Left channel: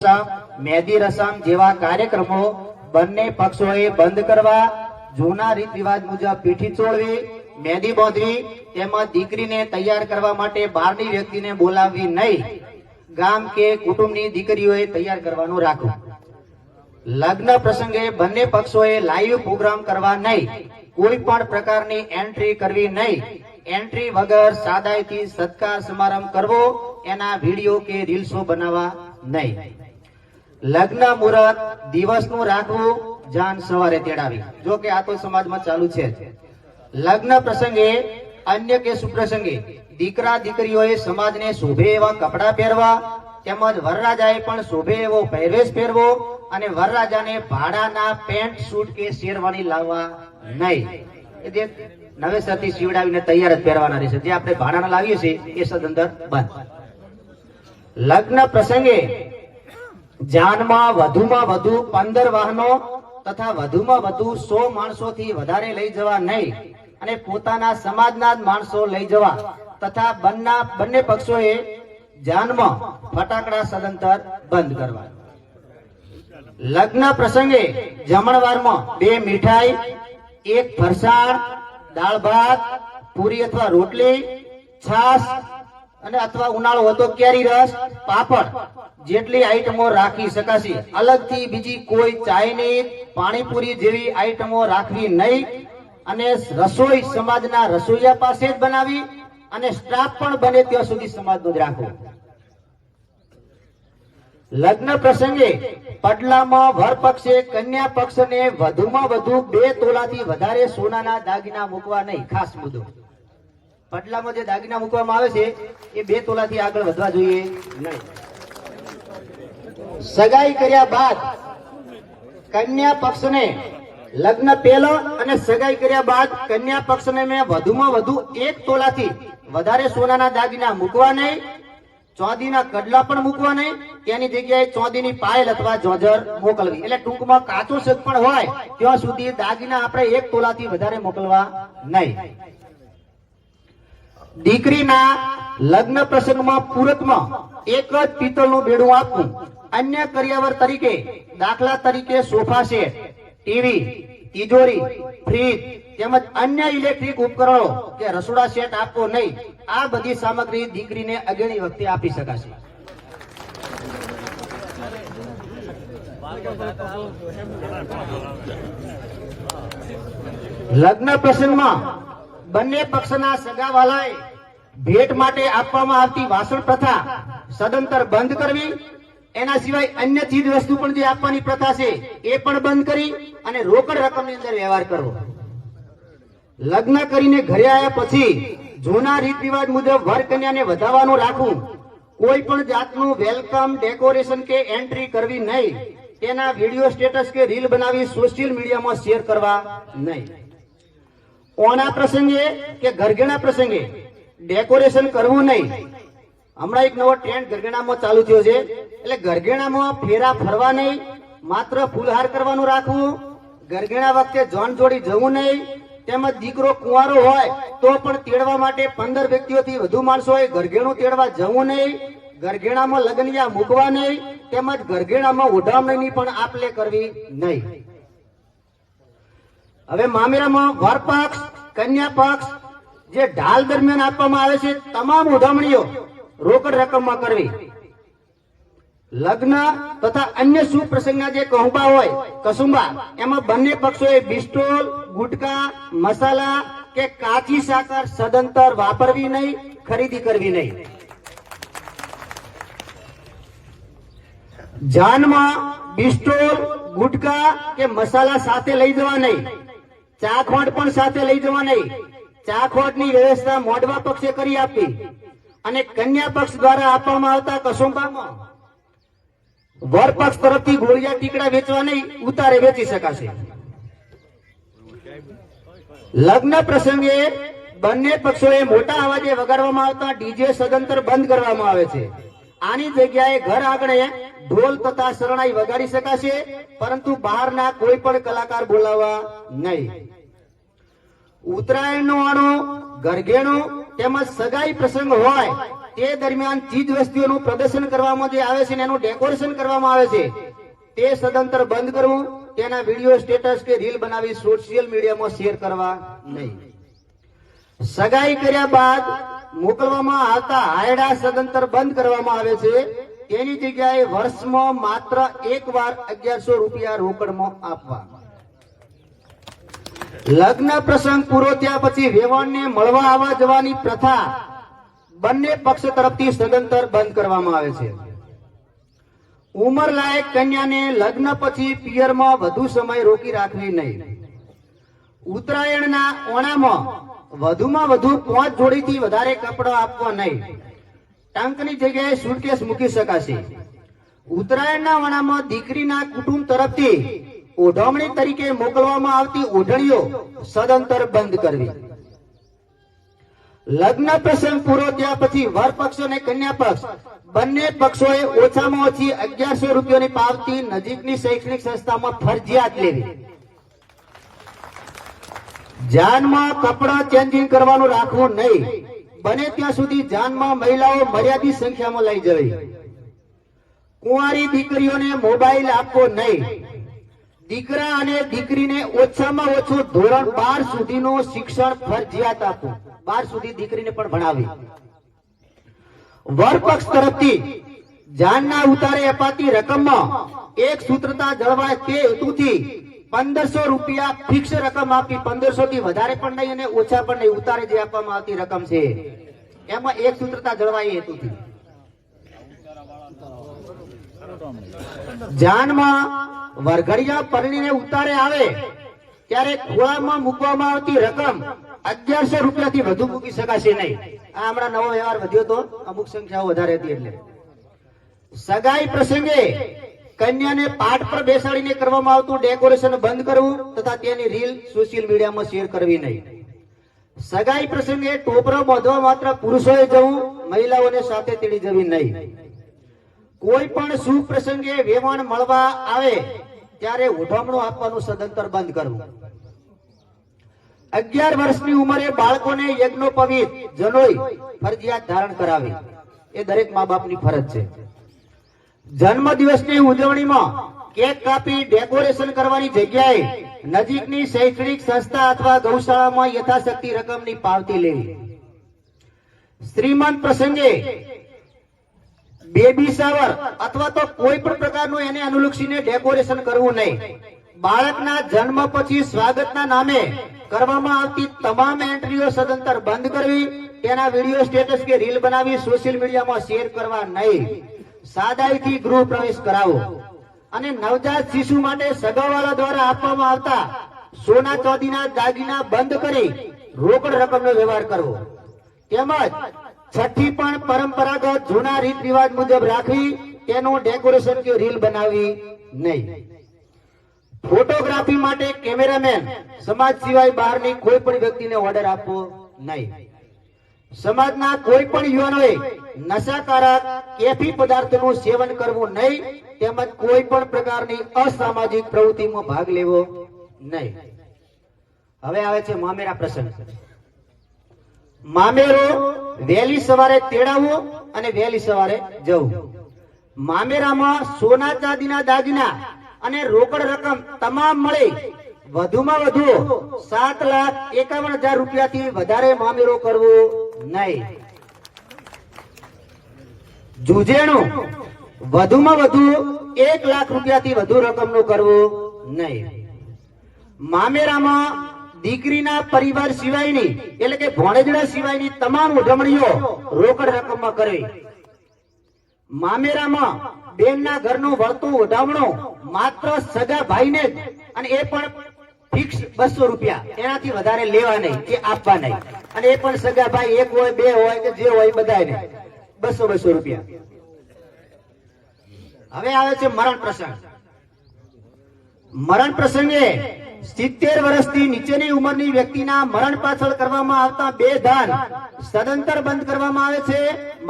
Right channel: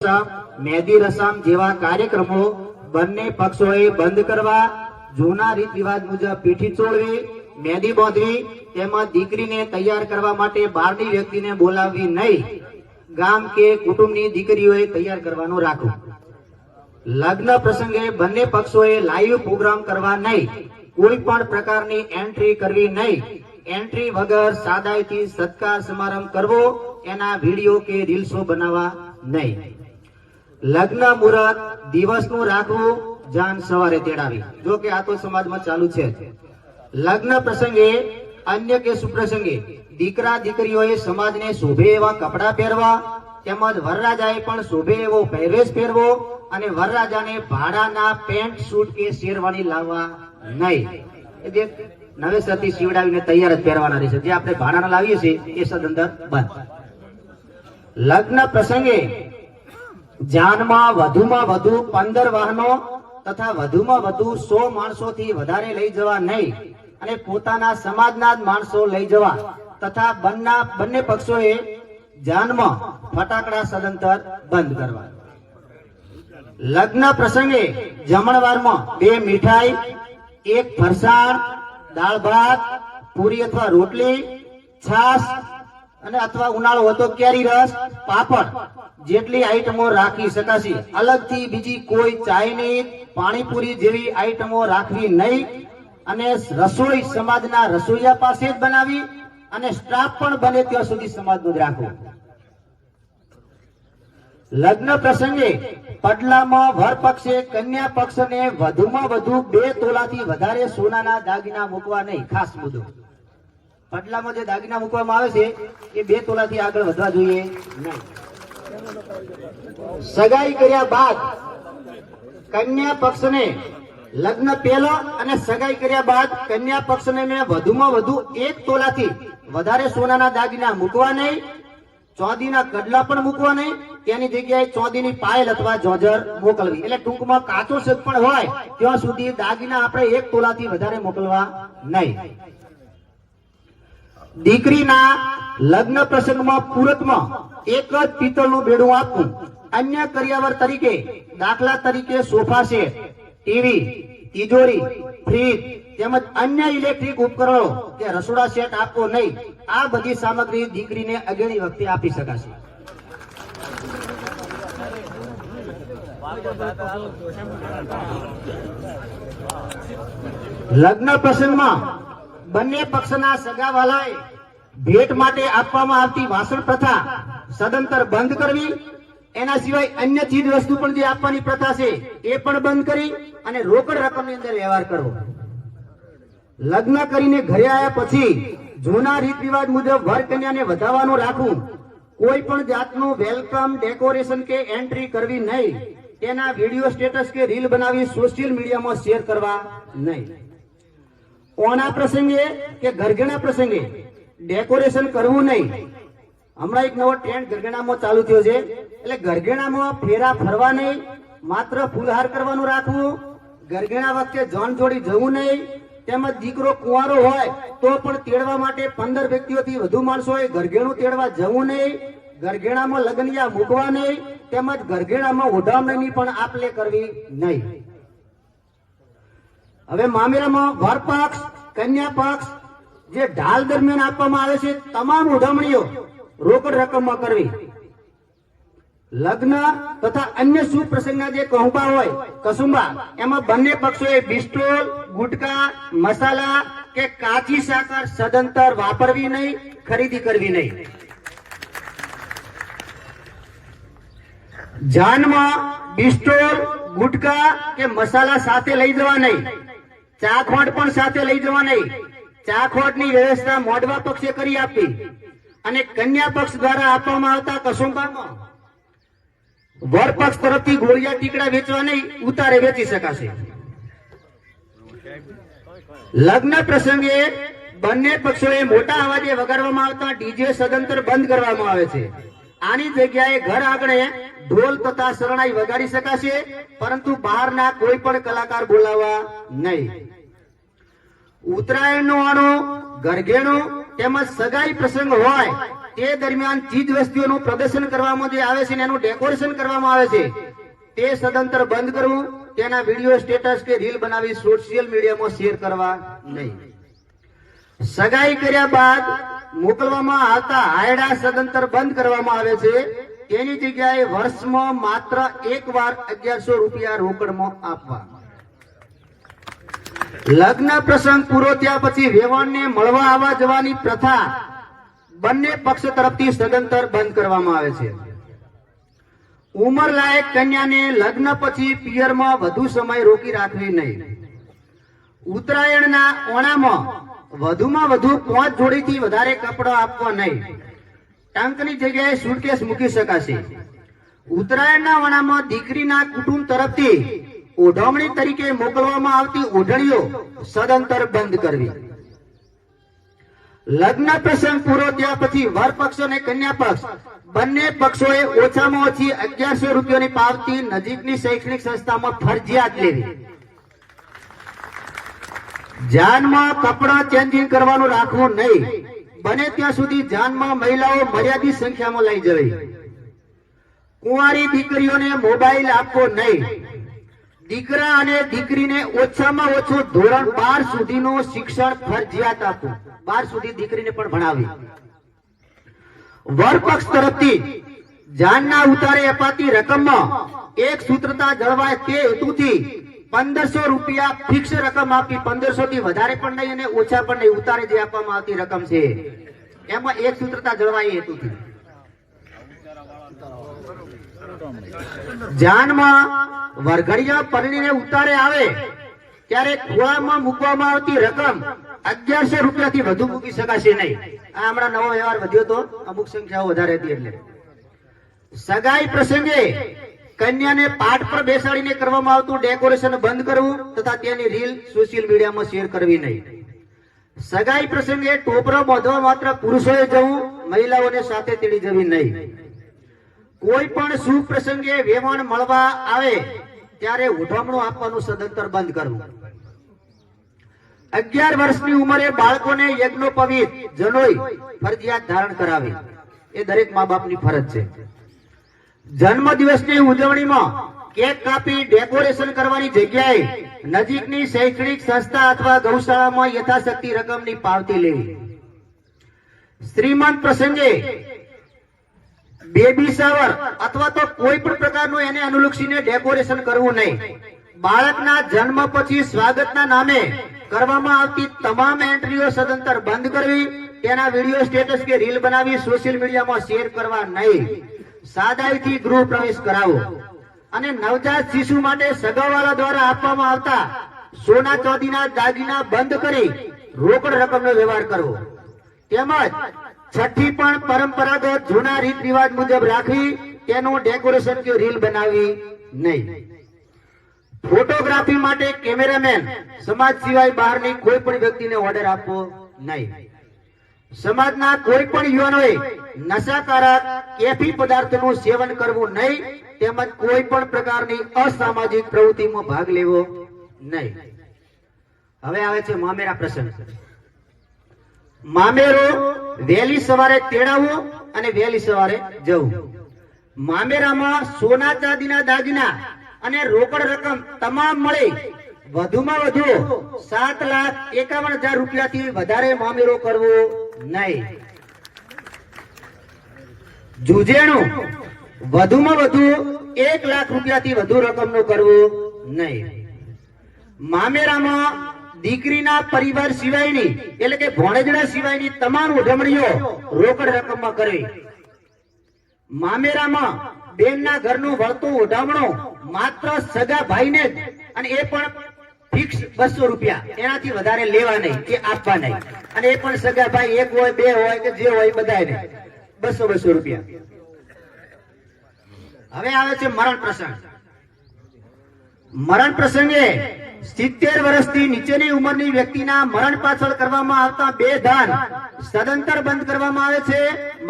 મેદી રસમ જેવા કાર્યક્રમો બંને પક્ષોએ બંધ કરવા, જૂના રીત રિવાજ મુજબ પીઠી ચોળવી, મેદી બાંધવી તેમજ દીકરીને તૈયાર કરવા માટે બહારની વ્યક્તિને બોલાવવી નહીં, ગામ કે કુટુંબની દીકરીઓએ તૈયાર કરવાનું રાખવું. લગ્ન પ્રસંગે બંને પક્ષોએ લાઈવ પ્રોગ્રામ કરવા નહીં, કોઈ પણ પ્રકારની એન્ટ્રી કરવી નહીં, એન્ટ્રી વગર સાદાઈથી સત્કાર સમારંભ કરવો, એના વિડીયો કે રીલ્સો બનાવવા નહીં. લગ્ન મુહૂર્ત દિવસનું રાખવું, જાન સવારે તેડાવી. જો કે આ તો સમાજમાં ચાલુ છે. લગ્ન પ્રસંગે અન્ય કે સુપ્રસંગે દીકરા દીકરીઓએ સમાજને શોભે એવા કપડા પહેરવા, તેમજ વરરાજાએ પણ શોભે એવો પહેરવેશ પહેરવો અને વરરાજાને ભાડાના પેન્ટ શૂટ કે શેરવાણી લાવવા નહીં. એ જે નવેસરથી સીવડાવીને તૈયાર જ પહેરવાના રહેશે. જે આપણે ભાડાના લાવીએ છીએ એ સદંતર બંધ. લગ્ન પ્રસંગે જાનમાં વધુમાં વધુ 15 વાહનો તથા વધુમાં વધુ 100 માણસોથી વધારે લઈ જવા નહીં અને પોતાના સમાજના જ માણસો લઈ જવા તથા બંને પક્ષોએ જાનમાં ફટાકડા સદંતર બંધ કરવા. લગ્ન પ્રસંગે જમણવારમાં 2 મીઠાઈ, 1 ફરસાણ, દાળ ભાત, પૂરી અથવા રોટલી, છાશ અને અથવા ઉનાળો હતો કેરી રસ, પાપડ જેટલી આઈટમો રાખી શકાશે. અલગથી બીજી કોઈ ચાઇનીઝ, પાણીપુરી જેવી આઈટમો રાખવી નહીં અને રસોઈ સમાજના રસોઈયા પાસે જ બનાવી અને સ્ટાફ પણ બને ત્યાં સુધી સમાજનો જ રાખવો. લગ્ન પ્રસંગે પડલામાં વર પક્ષે કન્યા પક્ષને વધુમાં વધુ 2 તોલાથી વધારે સોનાના દાગીના મૂકવા નહીં. ખાસ મુદ્દો, પડલામાં જે દાગીના મૂકવામાં આવે છે એ 2 તોલાથી આગળ વધવા જોઈએ નહીં. સગાઈ કર્યા બાદ કન્યા પક્ષને લગ્ન પહેલા અને સગાઈ કર્યા બાદ કન્યા પક્ષને મેં વધુમાં વધુ 1 તોલાથી વધારે સોનાના દાગીના મૂકવા નહીં, ચોદીના કડલા પણ મૂકવા નહીં, તેની જગ્યાએ ચોદીની પાયલ અથવા જોજર મોકલવી. એટલે ટૂંકમાં કાચો શેક પણ હોય ત્યાં સુધી દાગીના આપણે 1 તોલાથી વધારે મોકલવા નહીં. દીકરીના લગ્ન પ્રસંગમાં પૂરકમાં 1 જ પિત્તળનું બેડું આપવું. અન્ય કરિયાવર તરીકે દાખલા તરીકે સોફા સેટ, ટીવી, તિજોરી, ફ્રીજ તેમજ અન્ય ઇલેક્ટ્રિક ઉપકરણો કે રસોડા સેટ આપવો નહીં. આ બધી સામગ્રી દીકરીને અગેણી વખતે આપી શકાશે. લગ્ન પ્રસંગમાં બંને પક્ષના સગાવાલાએ ભેટ માટે આપવામાં આવતી વાસણ પ્રથા સદંતર બંધ કરવી. એના સિવાય અન્ય ચીજ વસ્તુ પણ જે આપવાની પ્રથા છે એ પણ બંધ કરી અને રોકડ રકમની અંદર વ્યવહાર કરવો. લગ્ન કરીને ઘરે આવ્યા પછી જૂના રીત રિવાજ મુજબ વર કન્યાને વધાવવાનું રાખવું. કોઈ પણ જાતનું વેલકમ, ડેકોરેશન કે એન્ટ્રી કરવી નહીં. તેના વિડીયો, સ્ટેટસ કે રીલ બનાવી સોશિયલ મીડિયામાં શેર કરવા નહીં. ઓણા પ્રસંગે કે ઘરઘેણા પ્રસંગે ડેકોરેશન કરવું નહીં. હમણાં એક નવો ટ્રેન્ડ ઘરઘેણામાં ચાલુ થયો છે. એટલે ઘરઘેણામાં ફેરા ફરવા નહીં, માત્ર ફૂલહાર કરવાનું રાખવું. ઘરઘેણા વખતે જોન જોડી જવું નહીં. તેમજ દીકરો કુંવારો હોય તો પણ તેડવા માટે 15 વ્યક્તિઓથી વધુ માણસોએ ઘરઘેણું તેડવા જવું નહીં. ઘરઘેણામાં લગનિયા મૂકવા નહીં. તેમજ ઘરઘેણામાં ઓઢામણીની પણ આપલે કરવી નહીં. હવે મામેરામાં વર પક્ષ, કન્યા પક્ષ જે ઢાલ દરમિયાન આપવામાં આવે છે તમામ ઓઢામણીઓ રોકડ રકમમાં કરવી. લગ્ન તથા અન્ય શુભ પ્રસંગના જે કહુંબા હોય, કસુંબા, એમાં બંને પક્ષોએ બિસ્ટોલ, ગુટકા, મસાલા કે કાચી સાકર સદંતર વાપરવી નહીં, ખરીદી કરવી નહીં. જાનમાં બિસ્ટોલ, ગુટકા કે મસાલા સાથે લઈ જવા નહીં. ચાખોટ પણ સાથે લઈ જવા નહીં. ચાખોટની વ્યવસ્થા મોડવા પક્ષે કરી આપવી અને કન્યા પક્ષ દ્વારા આપવામાં આવતા કસુંબામાં વર પક્ષ તરફથી ગોળિયા ટીકડા વેચવા નહીં, ઉતારે વેચી શકાશે. લગ્ન પ્રસંગે બંને પક્ષોએ મોટા અવાજે વગાડવામાં આવતા ડીજે સદંતર બંધ કરવામાં આવે છે. આની જગ્યાએ ઘર આંગણે ઢોલ તથા શરણાઈ વગાડી શકાશે, પરંતુ બહારના કોઈ પણ કલાકાર બોલાવવા નહીં. ઉત્તરાયણનું આણું, ઘરઘેણું તેમજ સગાઈ પ્રસંગ હોય તે દરમિયાન ચીજ વસ્તુઓનું પ્રદર્શન કરવામાં જે આવે છે ને એનું ડેકોરેશન કરવામાં આવે છે તે સદંતર બંધ કરવું. તેના વિડીયો, સ્ટેટસ કે રીલ બનાવી સોશિયલ મીડિયામાં શેર કરવા નહીં. સગાઈ કર્યા બાદ મોકલવામાં આવતા હાયડા સદંતર બંધ કરવામાં આવે છે. તેની જગ્યાએ વર્ષમાં માત્ર એકવાર 1100 રૂપિયા રોકડમાં આપવા. લગ્ન પ્રસંગ પૂરો થયા પછી વેવાણને મળવા આવવા જવાની પ્રથા બંને પક્ષ તરફથી સદંતર બંધ કરવામાં આવે છે. ઉંમર લાયક કન્યાને લગ્ન પછી પિયરમાં વધુ સમય રોકી રાખવી નહીં. ઉત્તરાયણના ઓણામાં વધુમાં વધુ 5 જોડીથી વધારે કપડાં આપવા નહીં. ટંકની જગ્યાએ સુટકેસ મૂકી શકાશે. ઉત્તરાયણના ઓણામાં દીકરીના કુટુંબ તરફથી ઓઢવણી તરીકે મોકલવામાં આવતી ઓઢણીઓ સદંતર બંધ કરવી. લગ્ન પ્રસંગ પૂરો થયા પછી વર પક્ષ અને કન્યા પક્ષ બંને પક્ષોએ ઓછામાં ઓછી 1100 રૂપિયાની પાવતી નજીકની શૈક્ષણિક સંસ્થામાં ફરજિયાત લેવી. જાનમાં કપડાં ચેન્જિંગ કરવાનું રાખવું નહીં. બને ત્યાં સુધી જાનમાં મહિલાઓ મર્યાદિત સંખ્યામાં લઈ જવી. કુંવારી દીકરીઓને મોબાઈલ આપવો નહીં. દીકરા અને દીકરીને ઓછામાં ઓછું ધોરણ 12 સુધીનું શિક્ષણ ફરજિયાત આપવું. 12 સુધી દીકરીને પણ ભણાવી. વર પક્ષ તરફથી જાનના ઉતારે અપાતી રકમમાં એક સૂત્રતા જળવાય તે હેતુથી 1500 રૂપિયા ફિક્સ રકમ આપી. 1500 થી વધારે પણ નહીં અને ઓછા પણ નહીં. ઉતારે જે આપવામાં આવતી રકમ છે એમાં એક સૂત્રતા જળવાય હેતુથી. જાનમાં વરઘડિયા પરણીને ઉતારે આવે ત્યારે ખોળામાં મૂકવામાં આવતી રકમ 1100 રૂપિયાથી વધુ મૂકી શકાશે નહીં. આ હમણાં નવો વ્યવહાર વધ્યો તો, અમુક સંખ્યાઓ વધારે હતી એટલે. સગાઈ પ્રસંગે કન્યાને પાઠ પર બેસાડીને કરવામાં આવતું ડેકોરેશન બંધ કરવું તથા તેની રીલ સોશિયલ મીડિયામાં શેર કરવી નહીં. સગાઈ પ્રસંગે ટોપરો બાંધવા માત્ર પુરુષોએ જવું, મહિલાઓને સાથે તેડી જવી નહીં. કોઈ પણ શુભ પ્રસંગે વેવાણ મળવા આવે ત્યારે ઉઠામણું આપવાનું સદંતર બંધ કરવું. 11 વર્ષની ઉંમરે બાળકોને યજ્ઞોપવિત જનોઈ ફરજિયાત ધારણ કરાવી. એ દરેક મા બાપની ફરજ છે. જન્મ દિવસની ઉજવણીમાં કેક કાપી ડેકોરેશન કરવાની જગ્યાએ નજીકની શૈક્ષણિક સંસ્થા અથવા ગૌશાળામાં યથાશક્તિ રકમની પાવતી લેવી. શ્રીમંત પ્રસંગે બેબી શાવર અથવા તો કોઈ પણ પ્રકારનું એને અનુલક્ષીને ડેકોરેશન કરવું નહીં. બાળકના જન્મ પછી સ્વાગતના નામે કરવામાં આવતી તમામ એન્ટ્રીઓ સદંતર બંધ કરવી. તેના વિડીયો, સ્ટેટસ કે રીલ બનાવી સોશિયલ મીડિયામાં શેર કરવા નહીં. સાદાઈથી ગૃહ પ્રવેશ કરાવો. અને નવજાત શિશુ માટે સગાવાળા દ્વારા આપવામાં આવતા સોના ચાંદીના દાગીના બંધ કરી રોકડ રકમનો વ્યવહાર કરવો. તેમજ છઠ્ઠી પણ પરંપરાગત જૂના રીત રિવાજ મુજબ રાખવી. તેનું ડેકોરેશન કે રીલ બનાવી નહીં. ફોટોગ્રાફી માટે કેમેરામેન સમાજ સિવાય બહારની કોઈ પણ વ્યક્તિને ઓર્ડર આપવો નહીં. સમાજના કોઈ પણ યુવાનોએ નશાકારક કેફી પદાર્થનું સેવન કરવું નહીં. તેમજ કોઈ પણ પ્રકારની અસામાજિક પ્રવૃત્તિમાં ભાગ લેવો નહીં. હવે આવે છે મામેરા પ્રસંગ. મામેરો વહેલી સવારે તેડાવવું અને વહેલી સવારે જવું. મામેરામાં સોના ચાંદીના દાગીના અને રોકડ રકમ તમામ મળી વધુમાં વધુ 7,51,000 રૂપિયાથી વધારે મામેરો કરવો નહીં. જુજેણું વધુમાં વધુ 1 લાખ રૂપિયાથી વધુ રકમનું કરવું નહીં. મામેરામાં દીકરીના પરિવાર સિવાયની એટલે કે ભોણેજડા સિવાયની તમામ ઉજવણીઓ રોકડ રકમમાં કરવી. મામેરામાં બેનના ઘરનું વળતું ઉઠામણું માત્ર સગા ભાઈને જ, અને એ પણ ફિક્સ 200 રૂપિયા. એનાથી વધારે લેવા નહીં કે આપવા નહીં. અને એ પણ સગા ભાઈ 1 હોય 2 હોય કે જે હોય બધાને 200 રૂપિયા. હવે આવે છે મરણ પ્રસંગ. મરણ પ્રસંગે 70 વર્ષથી નીચેની ઉંમરની વ્યક્તિના મરણ પાછળ કરવામાં આવતા 2 દાન સદંતર બંધ કરવામાં આવે છે.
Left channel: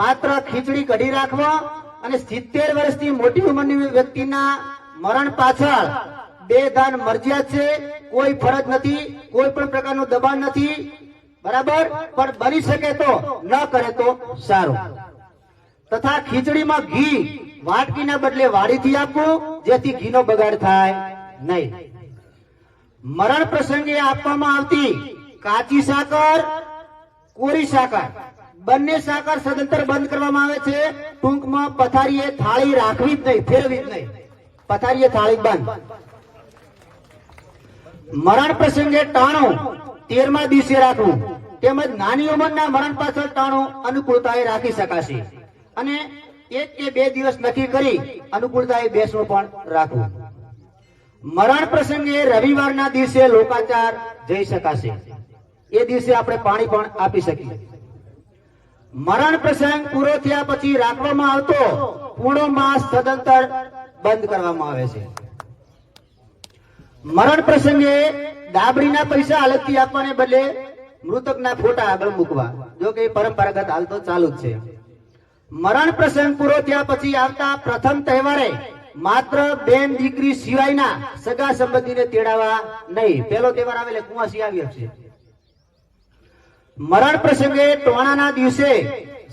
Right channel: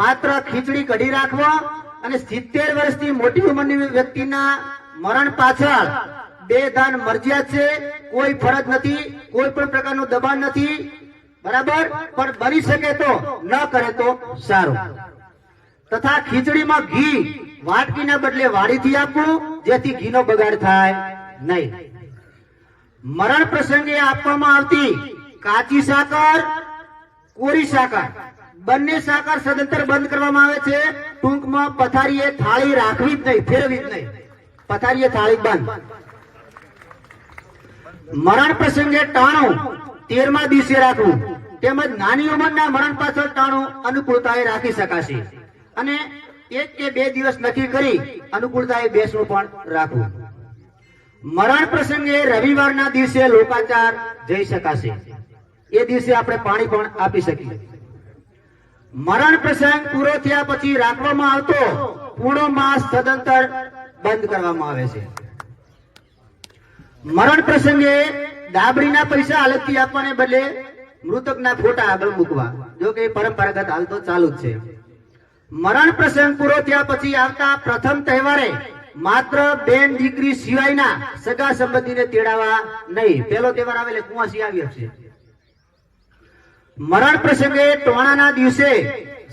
માત્ર ખીચડી કઢી રાખવા. અને 70 વર્ષથી મોટી ઉંમરની વ્યક્તિના મરણ પાછળ 2 દાન મરજિયાત છે. કોઈ ફરજ નથી, કોઈ પણ પ્રકારનું દબાણ નથી. બરાબર, પણ બની શકે તો ન કરે તો સારું. તથા ખીચડીમાં ઘી વાટકીના બદલે વાડીથી આપવું, જેથી ઘીનો બગાડ થાય નહીં. મરણ પ્રસંગે આપવામાં આવતી કાચી સાકર, કોરી સાકર, બંને સાકર સદંતર બંધ કરવામાં આવે છે. ટૂંકમાં પથારીએ થાળી રાખવી જ નહીં, ફેરવી જ નહીં. પથારીએ થાળી બંધ. મરણ પ્રસંગે ટાણું 13મા દિવસે રાખવું, તેમજ નાની ઉંમરના મરણ પાછળ ટાણું અનુકૂળતાએ રાખી શકાશે, અને 1 કે 2 દિવસ નક્કી કરી અનુકૂળતાએ બેસવું પણ રાખવું. મરણ પ્રસંગે રવિવારના દિવસે લોકાચાર જઈ શકાશે, એ દિવસે આપણે પાણી પણ આપી શકીએ. મરણ પ્રસંગ પૂરો થયા પછી રાખવામાં આવતો પૂર્ણ માસ સદંતર બંધ કરવામાં આવે છે. મરણ પ્રસંગે ડાબરીના પૈસા અલગથી આપવાને બદલે મૃતકના ફોટા આગળ મૂકવા, જો કે પરંપરાગત હાલ તો ચાલુ જ છે. મરણ પ્રસંગ પૂરો થયા પછી આવતા પ્રથમ તહેવારે માત્ર બેન દીકરી સિવાયના સગા સંબંધીને તેડાવા નહીં. પહેલો તહેવાર આવે એટલે કુંવાસી આવી છે. મરણ પ્રસંગે ટોણાના દિવસે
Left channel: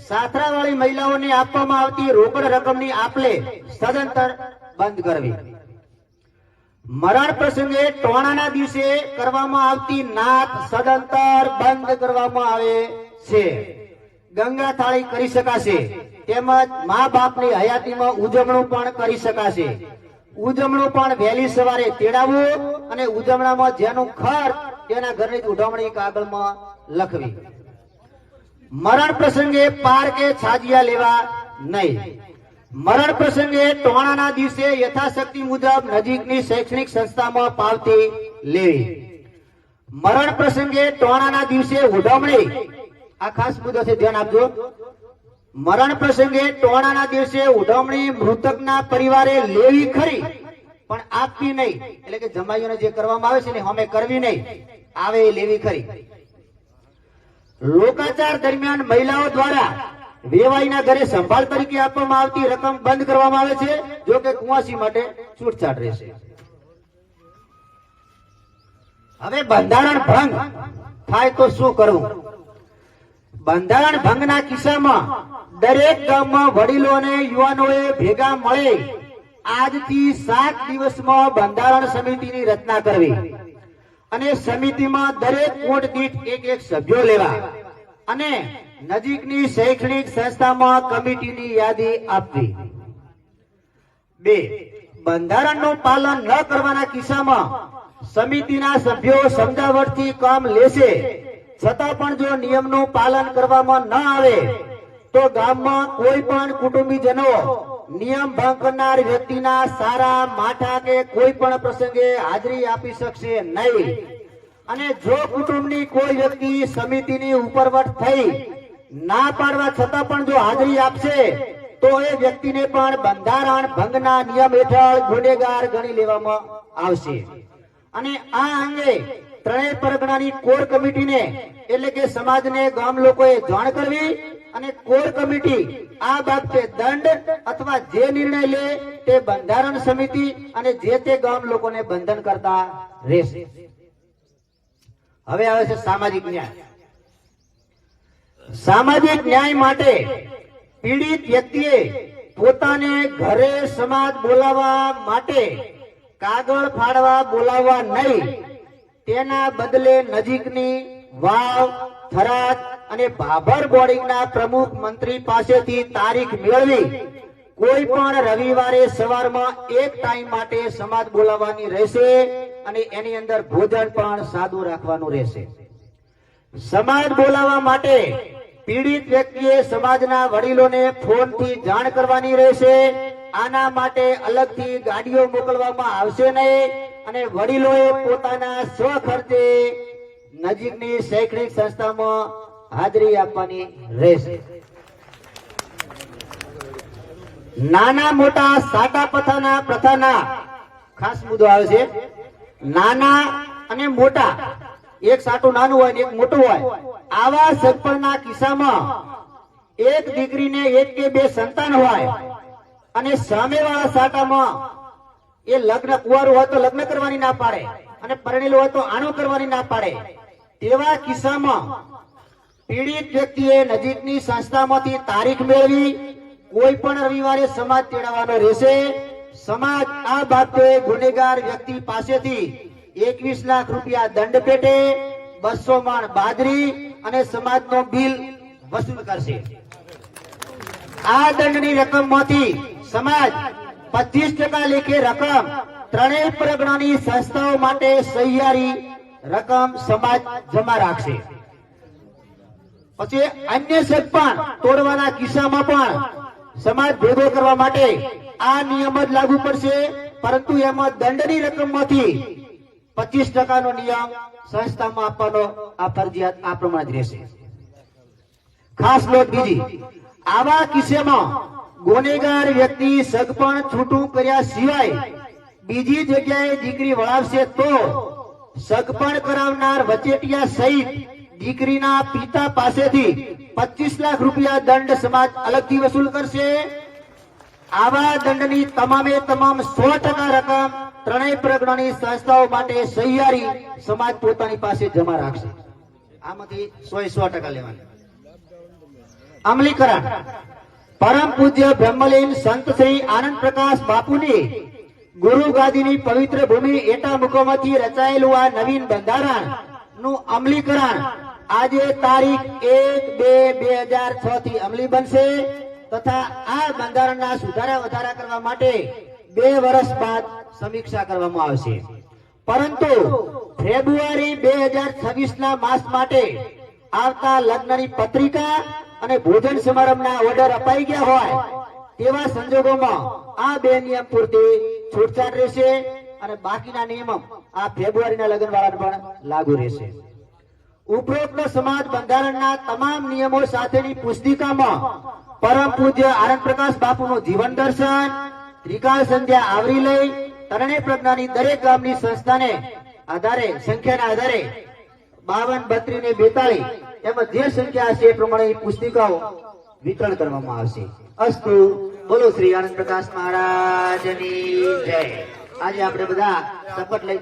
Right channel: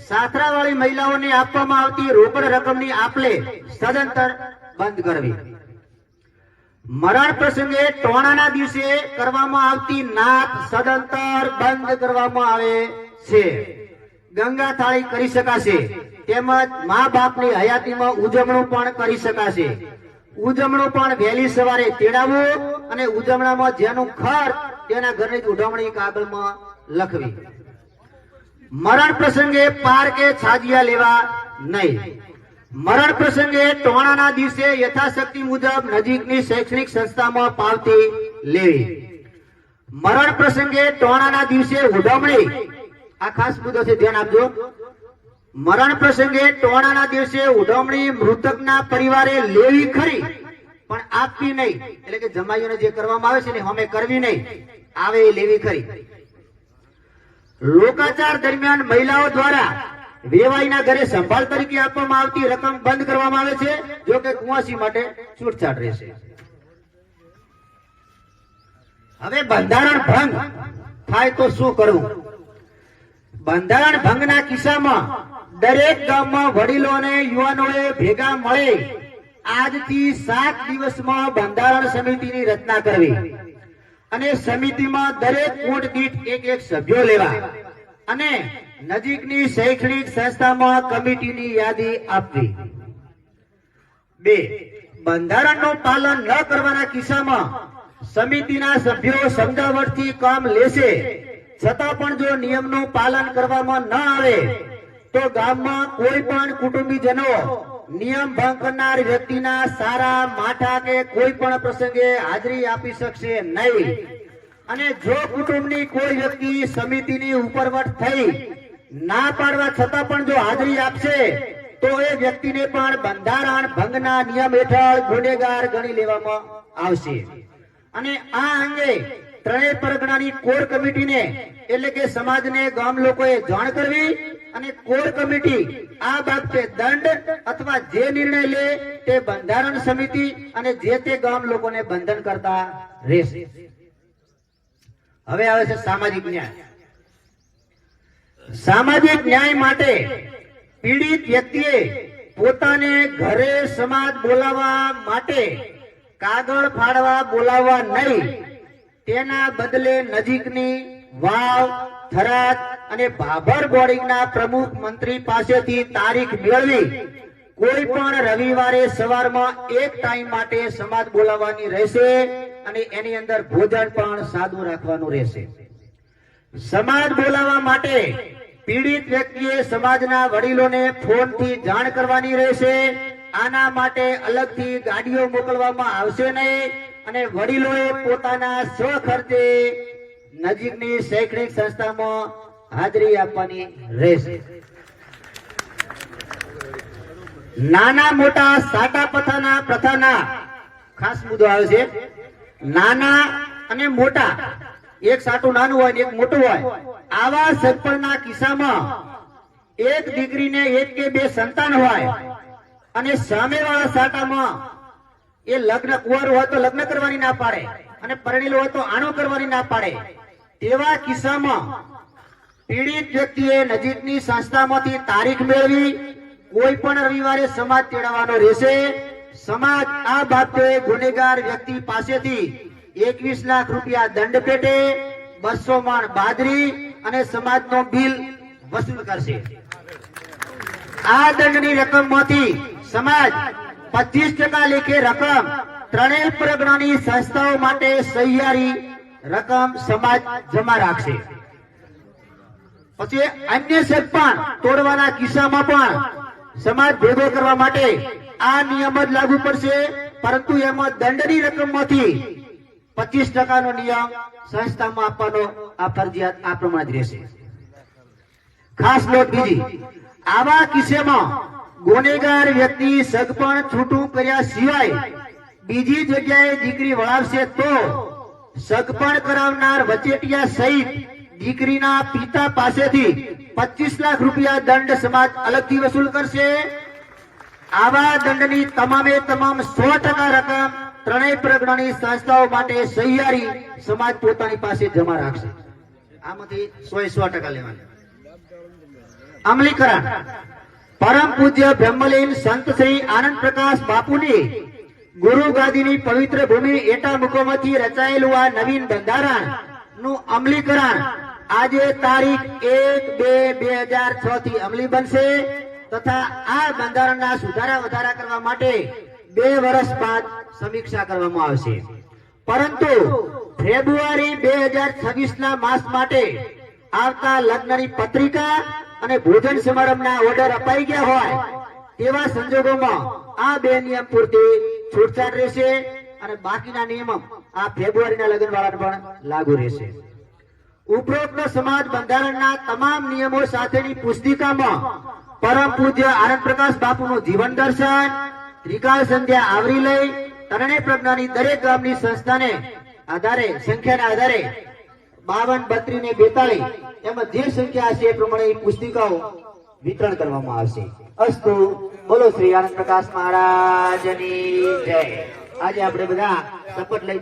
સાથરાવાળી મહિલાઓને આપવામાં આવતી રોકડ રકમની આપલે સદંતર બંધ કરવી. મરણ પ્રસંગે ટોણાના દિવસે કરવામાં આવતી નાત સદંતર બંધ કરવામાં આવે છે. ગંગા થાળી કરી શકાશે, તેમજ મા બાપની હયાતીમાં ઉજવણું પણ કરી શકાશે. ઉજવણું પણ વહેલી સવારે તેડાવવું, અને ઉજવણામાં જેનું ખર્ચ તેના ઘરની જ ઉજવણી કાગળમાં લખવી. મરણ પ્રસંગે પાર કે છાજિયા લેવા નહીં. મરણ પ્રસંગે ટોણાના દિવસે યથાશક્તિ મુજબ નજીકની શૈક્ષણિક સંસ્થામાં પાવતી લેવી. મરણ પ્રસંગે ટોણાના દિવસે ઉજવણી, આ ખાસ મુદ્દો છે, ધ્યાન આપજો. મરણ પ્રસંગે ટોણાના દિવસે ઉજવણી મૃતકના પરિવારે લેવી ખરી, પણ આપવી નહીં. એટલે કે જમાઈઓને જે કરવામાં આવે છે ને અમે કરવી નહીં, આવે એ લેવી ખરી. લોકાચાર દરમિયાન મહિલાઓ દ્વારા વેવાઈના ઘરે સંભાળ તરીકે આપવામાં આવતી રકમ બંધ કરવામાં આવે છે, જો કે કુંવાસી માટે છૂટછાટ રહેશે. હવે બંધારણ ભંગ થાય તો શું કરવું? બંધારણ ભંગના કિસ્સામાં દરેક ગામમાં વડીલો અને યુવાનોએ ભેગા મળે આજથી 7 દિવસમાં બંધારણ સમિતિની રચના કરવી, અને સમિતિમાં દરેક વોર્ડ દીઠ એક સભ્યો લેવા, અને નજીકની શૈક્ષણિક સંસ્થામાં કમિટીની યાદી આપવી. 2. બંધારણનું પાલન ન કરવાના કિસ્સામાં સમિતિના સભ્યો સમજાવટથી કામ લેશે, છતાં પણ જો નિયમનું પાલન કરવામાં ન આવે તો ગામમાં કોઈ પણ કુટુંબીજનો નિયમ ભંગ કરનાર વ્યક્તિના સારા માઠા કે કોઈ પણ પ્રસંગે હાજરી આપી શકશે નહીં. અને જો કુટુંબની કોઈ વ્યક્તિ સમિતિની ઉપરવટ થઈ ના પાડવા છતાં પણ જો હાજરી આપશે તો એ વ્યક્તિને પણ બંધારણ ભંગના નિયમ હેઠળ ગુનેગાર ગણી લેવામાં આવશે. અને આ અંગે ત્રણેય પરગણાની કોર કમિટીને, એટલે કે સમાજને, ગામ લોકોએ જાણ કરવી, અને કોર કમિટી આ બાબતે દંડ અથવા જે નિર્ણય લે તે બંધારણ સમિતિ અને જે તે ગામ લોકોને બંધન કરતા રહેશે. હવે આવે છે સામાજિક ન્યાય. સામાજિક ન્યાય માટે પીડિત વ્યક્તિએ પોતાને ઘરે સમાજ બોલાવવા માટે કાગળ ફાડવા બોલાવવા નહીં, તેના બદલે નજીકની વાવ, થરાદ અને ભાભર બોર્ડિંગના પ્રમુખ મંત્રી પાસેથી તારીખ મેળવી કોઈ પણ રવિવારે સવારમાં એક ટાઈમ માટે સમાજ બોલાવવાની રહેશે, અને એની અંદર ભોજન પણ સાદું રાખવાનું રહેશે. સમાજ બોલાવવા માટે પીડિત વ્યક્તિએ સમાજના વડીલોને ફોનથી જાણ કરવાની રહેશે. આના માટે અલગથી ગાડીઓ મોકલવામાં આવશે નહીં, અને વડીલોએ પોતાના સ્વખર્ચે નજીકની શૈક્ષણિક સંસ્થામાં હાજરી આપવાની રહેશે. નાના મોટા સાટા પથાના પ્રથાના ખાસ મુદ્દો આવે છે. નાના અને મોટા, એક સાટું નાનું હોય ને એક મોટું હોય, આવા સગપણના કિસ્સામાં એક દીકરીને 1 કે 2 સંતાન હોય અને સામેવાળા સાટામાં એ લગ્ન કુંવારું હોય તો લગ્ન કરવાની ના પાડે, અને પરણેલું હોય તો આણું કરવાની ના પાડે, તેવા કિસ્સામાં પીડિત વ્યક્તિએ નજીકની સંસ્થામાંથી તારીખ મેળવી કોઈ પણ રવિવારે સમાજ તેડાવવાનો રહેશે. સમાજ આ બાબતે ગુનેગાર વ્યક્તિ પાસેથી 21 લાખ રૂપિયા દંડ પેટે 200 મણ બાજરી અને સમાજનો બિલ વસૂલ કરશે. આ દંડની રકમમાંથી સમાજ 25% લેખે રકમ ત્રણેય પરગણાની સંસ્થાઓ માટે સહિયારી રકમ સમાજ જમા રાખશે. પછી અન્ય સગપણ તોડવાના કિસ્સામાં પણ સમાજ ભેગો કરવા માટે આ નિયમ જ લાગુ પડશે, પરંતુ એમાં દંડની રકમમાંથી 25% નો નિયમ સંસ્થામાં આપવાનો આ ફરજિયાત આ પ્રમાણે જ રહેશે. ખાસ નોંધ બીજી, આવા કિસ્સામાં ગુનેગાર વ્યક્તિ સગપણ છૂટું કર્યા સિવાય બીજી જગ્યાએ દીકરી વળાવશે તો સગપણ કરાવનાર વચેટિયા સહિત દીકરીના પિતા પાસેથી 25 લાખ રૂપિયા દંડ સમાજ અલગથી વસૂલ કરશે. આવા દંડની તમામે તમામ 100% રકમ ત્રણેય પરગણાની સંસ્થાઓ માટે સહિયારી સમાજ પોતાની પાસે જમા રાખશે. આમાંથી 100% લેવાના. અમલીકરણ. પરમ પૂજ્ય બ્રહ્મલીન સંત શ્રી આનંદ પ્રકાશ બાપુની ગુરુ ગાદીની પવિત્ર ભૂમિ એટા મુકોમાંથી રચાયેલું આ નવીન બંધારણ નું અમલીકરણ આજે તારીખ 1/2/2006 થી અમલી બનશે તથા આ બંધારણના સુધારા વધારા કરવા માટે 2 વર્ષ બાદ સમીક્ષા કરવામાં આવશે. પરંતુ ફેબ્રુઆરી 2026 ના માસ માટે આવતા લગ્નની પત્રિકા અને ભોજન સમારંભના ઓર્ડર અપાઈ ગયા હોય તેવા સંજોગોમાં આ 2 નિયમ પૂરતી છૂટછાટ રહેશે અને બાકીના નિયમો આ ફેબ્રુઆરીના લગ્ન વાળાને પણ લાગુ રહેશે. ઉપરોક્ત સમાજ બંધારણના તમામ નિયમો સાથેની પુસ્તિકામાં પરમ પૂજ્ય આનંદ પ્રકાશ બાપુનું જીવન દર્શન, ત્રિકાળ સંધ્યા આવરી લઈ ત્રણેય પ્રજ્ઞાની દરેક ગામની સંસ્થાને આધારે સંખ્યાના આધારે 52, 32 ને 42 એમાં જે સંખ્યા હશે એ પ્રમાણે પુસ્તિકાઓ વિતરણ કરવામાં આવશે. અસ્તુ. બોલો શ્રી આનંદ પ્રકાશ મહારાજની જય. આજે આપણે બધા શપથ લઈ